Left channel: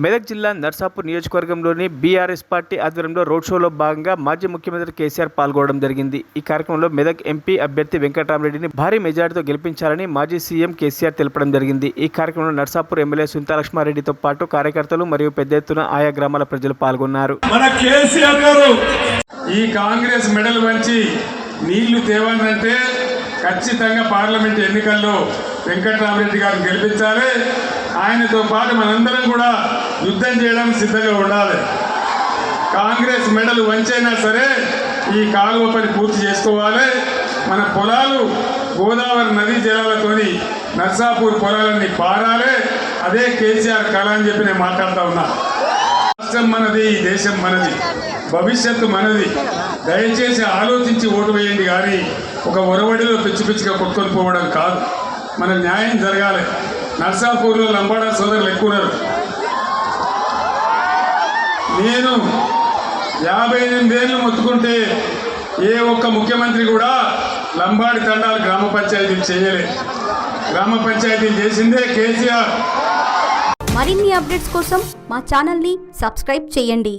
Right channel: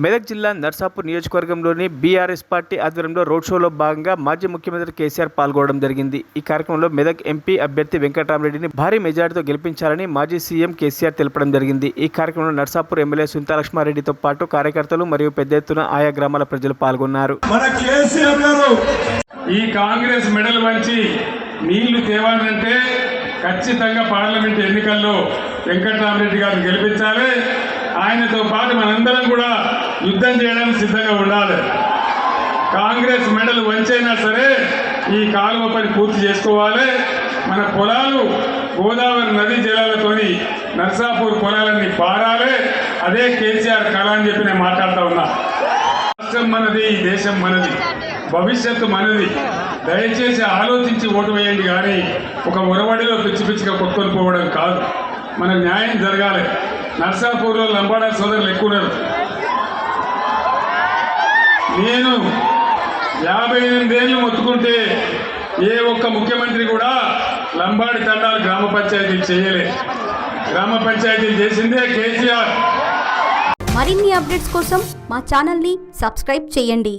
మెదక్ జిల్లా నర్సాపూర్ నియోజకవర్గంలోని BRS party ఆధ్వర్యంలో రోడ్ షోలో భాగంగా మాజీ ముఖ్యమంత్రి కేసీఆర్ పాల్గొనడం జరిగింది. ఈ కార్యక్రమంలో మెదక్ ఎంపీ అభ్యర్థి వెంకటరామరెడ్డిని భారీ మెజార్టీతో గెలిపించాలని మాజీ సీఎం కేసీఆర్ తెలపడం జరిగింది. ఈ కార్యక్రమంలో నర్సాపూర్ ఎమ్మెల్యే సుంతాలక్ష్మారెడ్డితో పాటు కార్యకర్తలు మరియు పెద్ద ఎత్తున ఆయా గ్రామాల ప్రజలు పాల్గొన్నారు. ఈ కాంగ్రెస్ మెడల్ వంచి నీళ్ళు తేవాలంటే ఖచ్చితంగా పార్లమెంట్ ఎన్నికల్లో వెంకటరామరెడ్డి గారిని గెలిపించాలి. ఆయనతో పాటు మనందరం కూడా యుద్ధం చేయడానికి సిద్ధంగా ఉండాలి. కాంగ్రెస్ మెడలు వంచైనా సరే ఈ కాలువ పని పూర్తి చేసుకోవాలి. మన పొలాలు గోదావరి నదీ జలాలతోని నర్సాపూర్ పొలాలన్నీ పారాలి. అదే కేసీఆర్ కళ అని చెప్పి నేను మాట్లాడుతూ ఉన్నా. రాష్ట్రం మనది ఈ దేశం మనది భవిష్యత్తు మనది. దయచేసి ఆలోచించి ఓటు వేయండి కానీ ఒక ఒరవడిలో పిచ్చి పిచ్చిగా కొట్టుకొని పోవడం కాదు. మన న్యాయం జరగాలి. నర్సాపూర్లో లంబాడా సోదరులు ఎక్కువ ఉన్నారు నేను యాభై ఎనిమిదేళ్ళు మొత్తుకుంటే ఏ ఒక్క ముఖ్యమంత్రి కూడా లంబాడి తండాలు గ్రామ పంచాయతీలు చేయలే గ్రామ పంచాయతీలు చేసిందే కేసీఆర్. మరిన్ని అప్డేట్స్ కోసం మా ఛానల్ని సబ్స్క్రైబ్ చేయండి.